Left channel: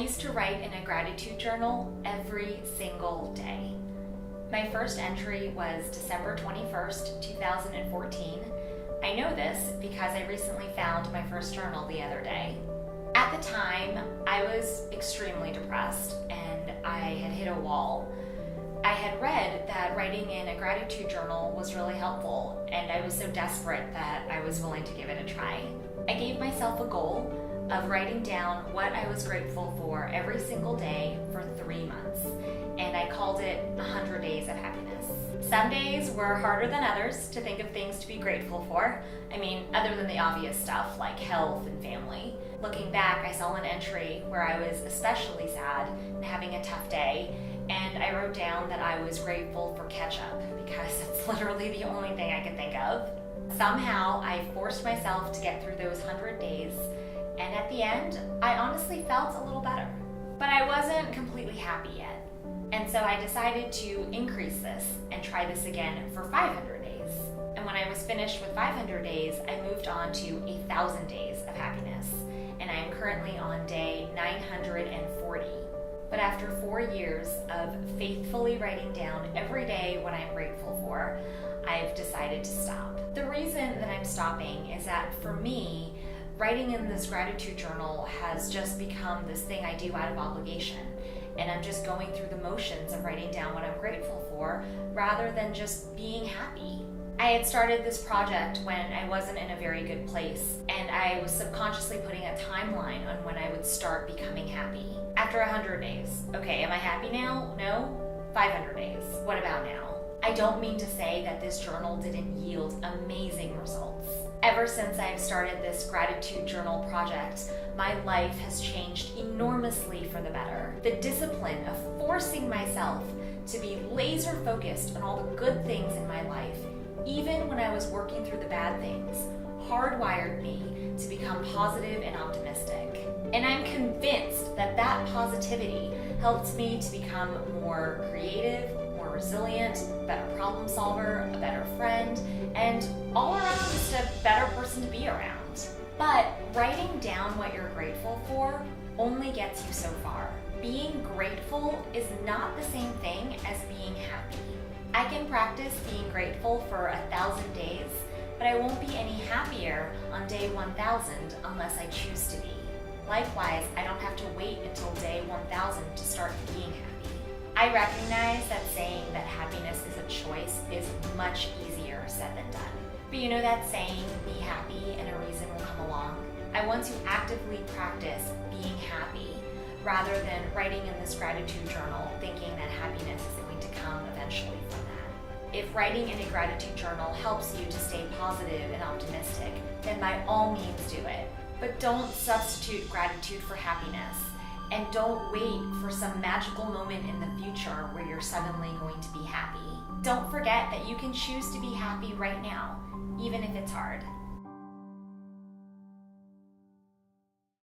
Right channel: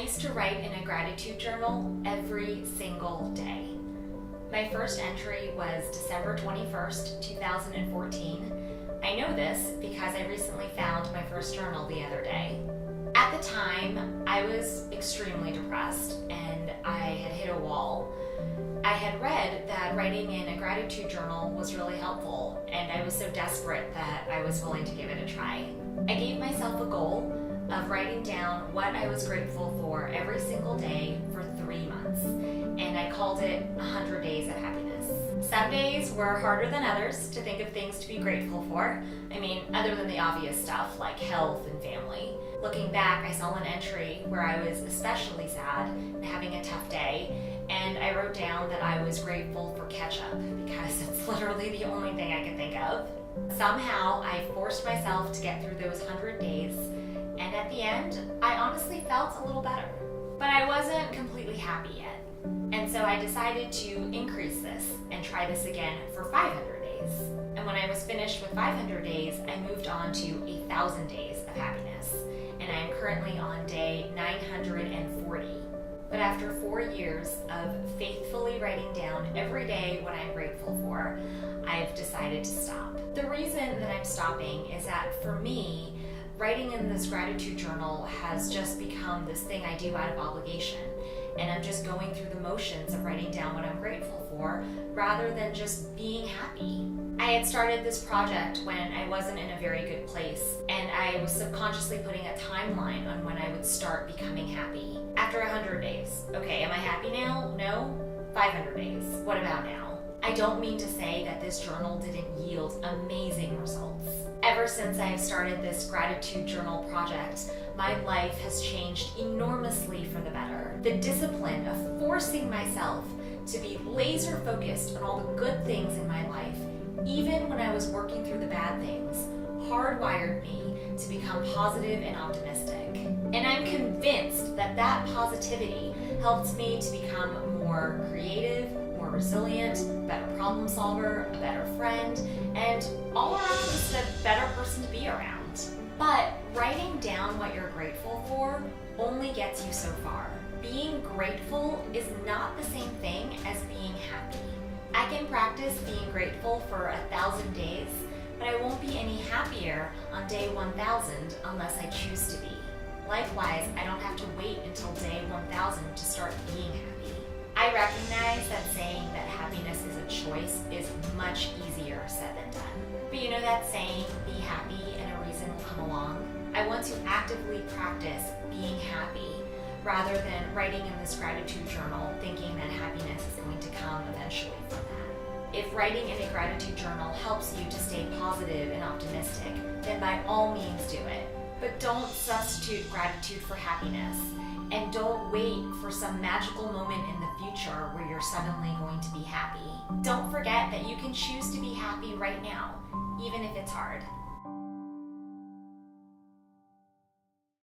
used to write in a gratitude journal every single day. My first entry was December 21st, 2014. I know this because I recently found my first journal the other day. At the time, I was extremely depressed and I had hit a wall. I had read that writing in a gratitude journal was really helpful, and I was so desperate that I was willing to give it a try. I gave myself a goal of writing down what I was grateful for every single day for 3 months, and I called it 100 Days of Happiness. Some days were harder than others to think of things to be grateful for. I mean, other than the obvious stuff like health and family. Looking back, I saw an entry where I was especially sad and having a tough day, and I wrote down that I was grateful for ketchup because it's literally the only thing I could think of. Somehow, I forced myself to get through those 100 days, and at the end, I honestly felt a little better. But I wasn't completely happy yet, and so I decided to increase this and try this again for 500 days. And when I was finished with 500 days, I moved on to 1,000 days of happiness, and I am currently on day 940. But after 4 years of faithfully writing down every day what I'm grateful for, I've decided to stop. The reason that I'm stopping is that for me, writing in this gratitude journal has just become this thing I do out of obligation. And I'm just going through the motions of writing down what I'm grateful for rather than just being happy. I had started this project when I wasn't in a very good place, and I was subconsciously putting a timeline on when I would start becoming happy. After 100 days. Okay, am I happy now? No? 500 days. What about now? I don't mean to say that this journal didn't yield amazing results. Ever since I've started this gratitude journal project, my life has changed enormously for the better. The discipline of forcing myself to be laser focused on all the good things in my life, even when I was working through the bad things, hardwired me to become positive and optimistic. And I'm convinced that that positivity helped me to become more creative, more resilient, a better problem solver, a better friend, and all around just a better person to be around. But writing down what you're grateful for only gets you so far. Being grateful is not the same thing as being happy. I can practice being grateful for 1,000 days, but I won't be any happier on day 1,000 unless I choose to be. Likewise, I don't have to wait until day 1,000 to start being happy. I recognize that saying that happiness is a choice is much easier said than done. But you know that saying, be happy and a reason will come along? I want to actively practice being happy rather than writing in this gratitude journal thinking that happiness is going to come eventually from that. If writing in a gratitude journal helps you to stay positive and optimistic, then by all means do it. But don't substitute gratitude for happiness, and don't wait for some magical moment in the future where you're suddenly going to be happy. Don't forget that you can choose to be happy right now, even if it's hard.